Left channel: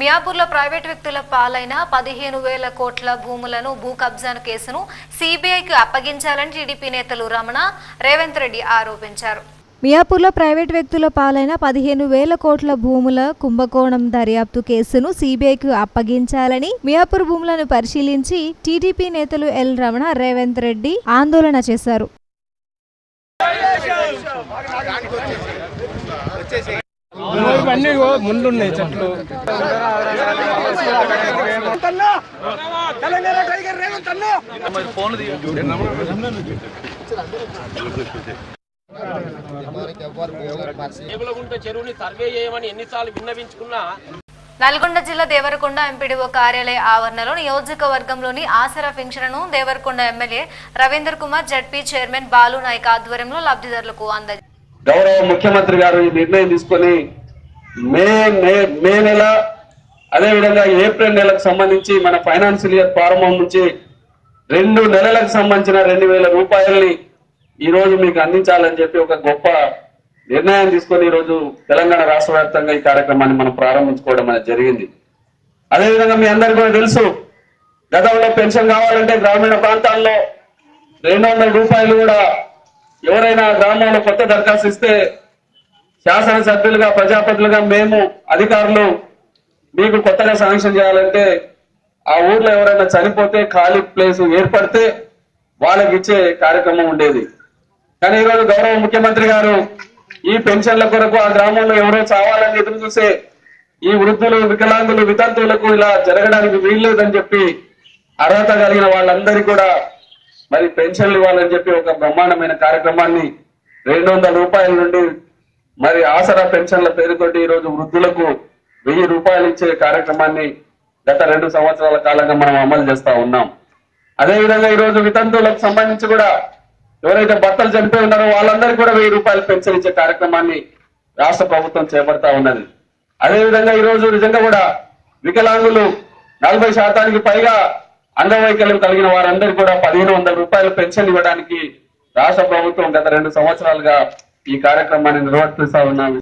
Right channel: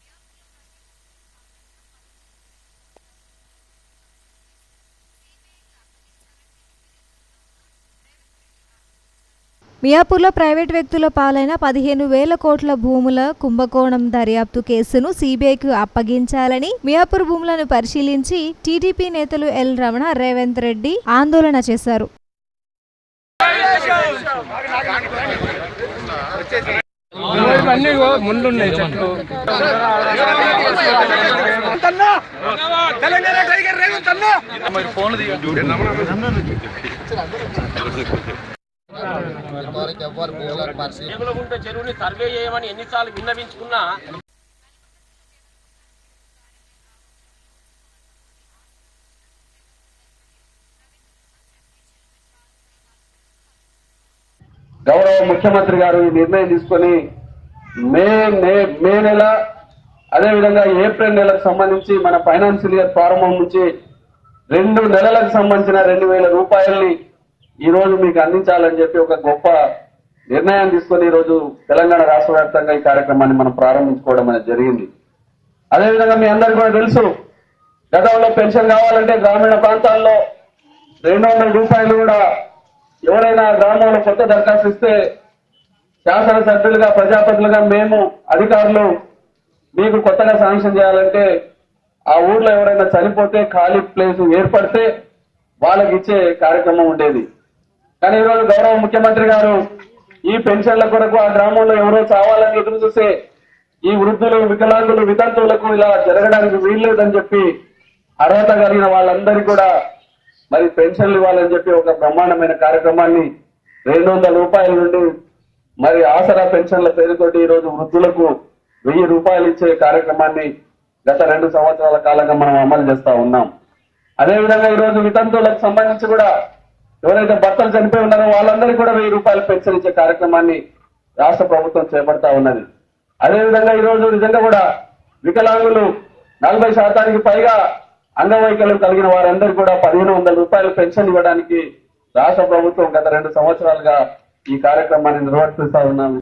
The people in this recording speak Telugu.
మియాపూర్లో ప్రైవేట్ వ్యక్తుల పాలైన 15,000 కోట్ల భూములను భూ కబ్జా కేసును సిబిఐకి అప్పగించాలని టీడీపీ నేతలు రమణ, రేవంత్ రెడ్డి ఆరోపించారు. మియాపూర్లో ప్రైవేట్ వ్యక్తుల పాలైన 15,000 కోట్ల భూముల కుంభకోణం దర్యాప్తు కేసును సిబిఐకి అప్పగించాలని మియాపూర్ భూములను పరిశీలించి టీడీపీ నేతలు ఎల్ రమణ, రేవంత్ రెడ్డి ఆందోళన చేశారు. నల్గొండ జిల్లా దేవరకొండ ఎంపీడీఓ కార్యాలయ ఆవరణలో నియోజకవర్గంలోని ఆసరా పెన్షన్ను Devarakonda MLA Ravinder Kumar, ZP chairman Balu Naik ఆధ్వర్యంలో లబ్ధిదారులకు అందజేశారు. గౌరవ ముఖ్యమంత్రి గారు ఈ నిర్ణయం తీసుకొని మే నెల అదేవిధంగా ఏప్రిల్ నెలకు సంబంధించి మన ఫైనాన్షియల్ ఇయర్ ప్రారంభం నుంచి 2 నెలలకు సంబంధించిన 2,000 రూపాయల్ని ఈ రోజు మీకు అందించాలని చెప్పి ఒక గొప్ప నిర్ణయం తీసుకొని ఈ రోజు తెలంగాణ రాష్ట్ర వ్యాప్తంగా ఈ కార్యక్రమాన్ని మనం ప్రారంభించుకోవడం అనేది జరిగింది. అదేవిధంగా మీ అందరికీ కూడా తెలుసు, గతంలో పెన్షన్ కావాలంటే గ్రామీణ ప్రాంతాల్లో 200 రూపాయలు కూడా ఎవరైనా గ్రామంలో కొత్త దరఖాస్తు ఇస్తే శాసనసభ్యులుగా, ప్రజాప్రతినిధులుగా మేము అధికారులు మీకు కొత్తగా శాంక్షన్ చేయాలంటే ఆ ఊర్లో ఎవరైనా చనిపోతే ఖాళీ ప్లేస్ ఏర్పడితే వాళ్ళకి ఇచ్చే కార్యక్రమం ఉండేది. కానీ ఈరోజు గౌరవ ముఖ్యమంత్రి గారు ఈ పెన్షన్ల కొరకు ఆ గ్రామంలో ఎవరో చావాలని ఎదురు చూసే ఈ వృద్ధులు, వికలాంగులు, వితంతువులకు ఇలా జరగడానికి వీల్లేదని చెప్పి అర్హత కలిగిన వాళ్ళందరికీ కూడా మరి పెన్షన్లు ఇవ్వాలని చెప్పి ఒక బ్రహ్మాండమైన కార్యక్రమాన్ని 200 రూపాయల నుండి మరి ఆసరా పెన్షన్ల పేరుతోటి ఈ రోజు వృద్ధులకు 1000 రూపాయలు ఇచ్చే కార్యక్రమాన్ని గత 2 సంవత్సరాల కాలంగా మనం అమలు చేస్తా ఉన్నాం. అదేవిధంగా ఈ రోజు వితంతువులకు సంబంధించి కూడా ఎవరైతే భర్తలు చనిపోయి ఉన్నారో వాళ్ళందరికీ కూడా 1000 రూపాయలు పెన్షన్ ఇచ్చే కార్యక్రమాన్ని రాష్ట్ర ప్రభుత్వం చేపడతా ఉన్నది. అదేవిధంగా ఈ రోజు నిజంగా కూడా వికలాంగులు 40% పైగా అంగవైకల్యం కలిగిన వారందరికీ కూడా 1,500 రూపాయలు పెన్షన్ ఇవ్వడానికి రాష్ట్ర ప్రభుత్వం గత 2 సంవత్సరాలుగా ఈ కార్యక్రమాన్ని నిర్వర్తిస్తా ఉన్నాం.